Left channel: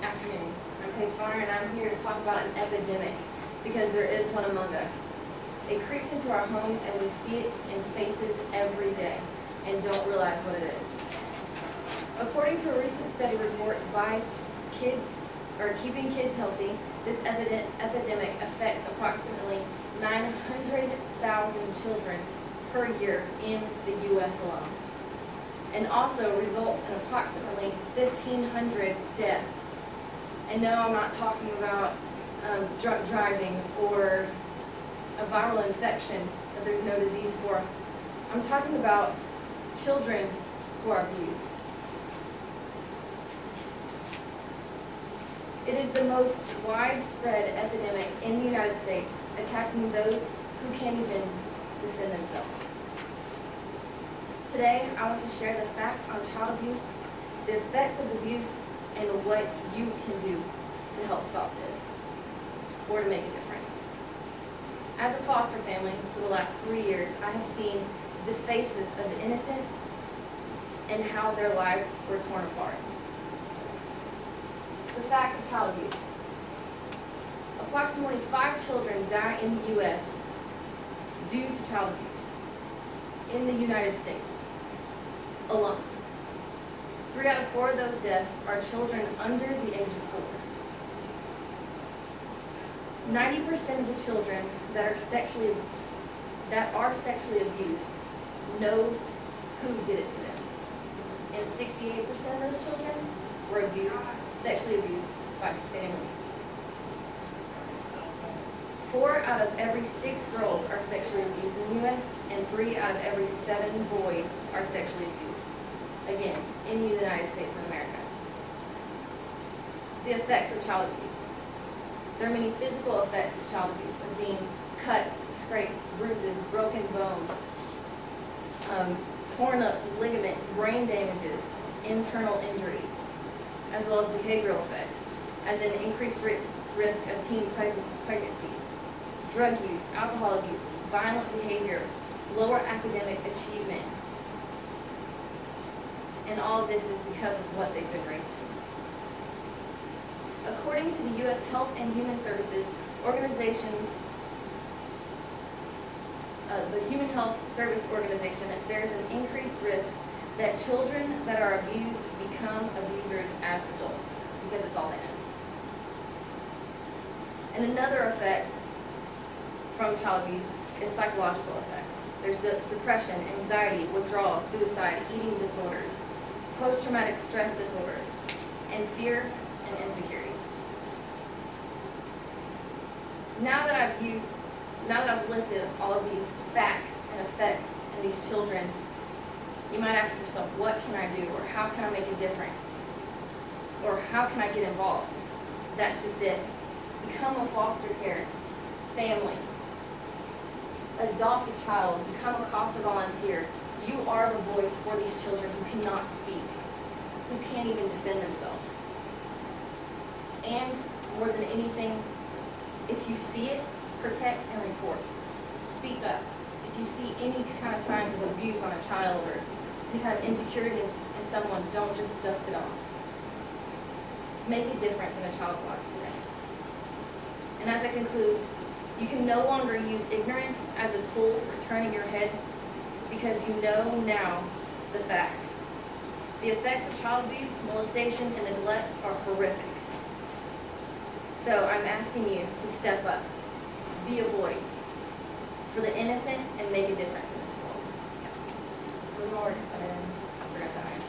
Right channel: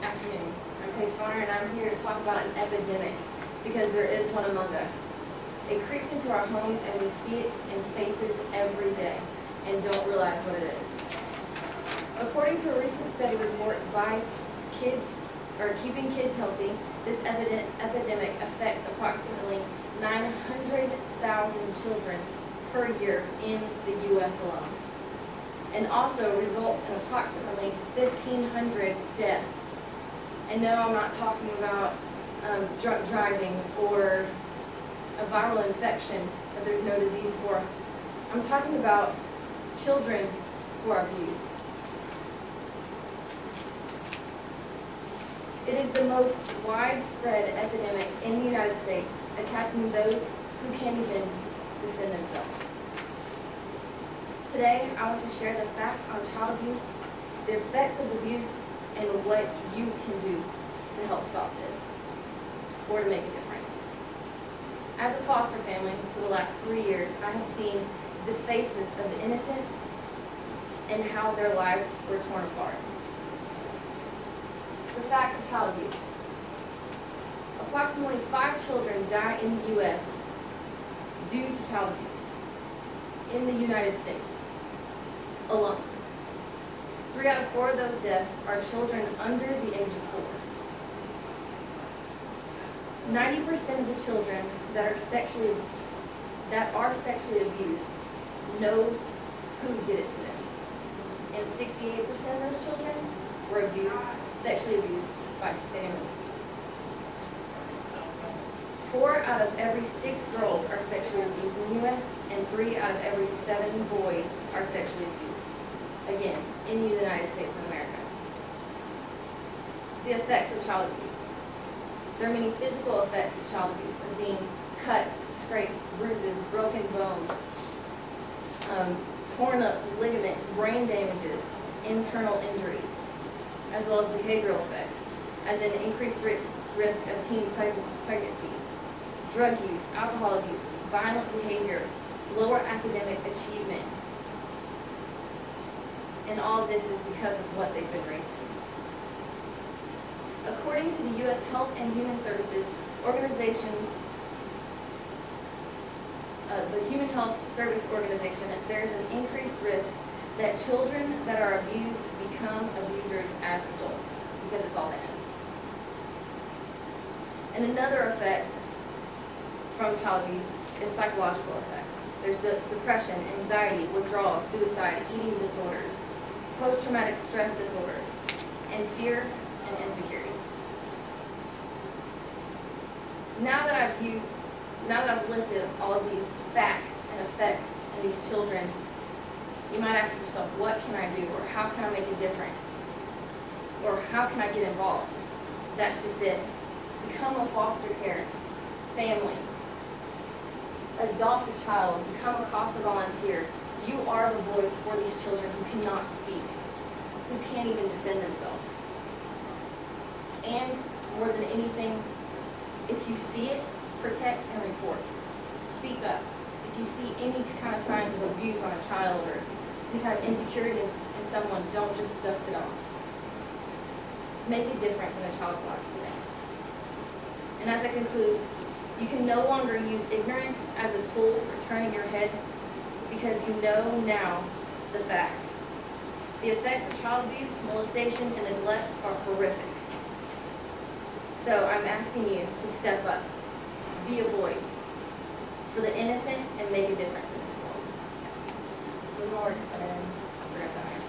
afternoon. I'm Paige Bonner, and I'm here to talk about an epidemic, because there is one among us. It creeps into our homes, and we see it in faces every day and don't realize what it is. According to a recent study report by Keeping Kids Healthy, this epidemic affects approximately 900,000 children per year in the U.S. alone, and also results in approximately 1,500 deaths. And no, I'm not talking about drunk driving or a viral infection that there's no disease for. I'm talking about children who are abused. It is the most widespread epidemic in the United States, attacking those who can't even defend themselves. Today, I want to share the facts on child abuse, the effects of abuse, and what you can do to help stop this, or to make a difference. As a foster family for the last 3 years, I have seen the faces of the innocents and how their lives were torn apart. The facts of child abuse. Approximately 5 children die in the U.S. due to child abuse in the United States alone. 3 out of 4 of those deaths are children under the age of 4. 90% of the children that are sexually abused know who did it to them. And 68% of those children were sexually abused by family. 4 out of every 6 girls are sexually abused in the U.S., and 3 out of every 7 boys are sexually abused, again, in the United States of America. The effects of child abuse. There are many physical effects to child abuse, as being cuts, scrapes, bruises, broken bones, torn up ligaments, brain damages, internal injuries, as well as behavioral effects, as in increased risk of teen pregnancies, drug use, alcohol abuse, violent behavior, lower academic achievement. And all of this is because of what they've been raised in. According to the U.S. Health and Human Services organizations, the Human Health Service Organization, there's an increased risk that children that are abused become abusers as adults, because it's all they know. And another effect from child abuse is psychological effects. There's depression, anxiety, withdrawal, suicide, eating disorders, post-traumatic stress disorder, and fear and insecurities. Now that I've listed all of these facts and effects in these children, you might ask yourself, what can I do, or how can I make a difference, or how can I get involved? That's just it. Become a foster care family. Adopt a child. Become a CASA volunteer. You are the voice for these children who cannot speak, who can't even defend themselves. And more than anything, if you see it, protect and report. Speak up. If you see any kind of signs of abuse on a child or any kind of insecurity in someone, don't just dust it off. Make a difference in a child's life today. And as I conclude, you can no longer use ignorance as a tool for turning your head, because you know now the facts. The effects of child abuse, molestation, and neglect are horrific. So I'm asking you to step up, be a voice for the innocent, and make a difference in this world. Good Lord, I forgot that.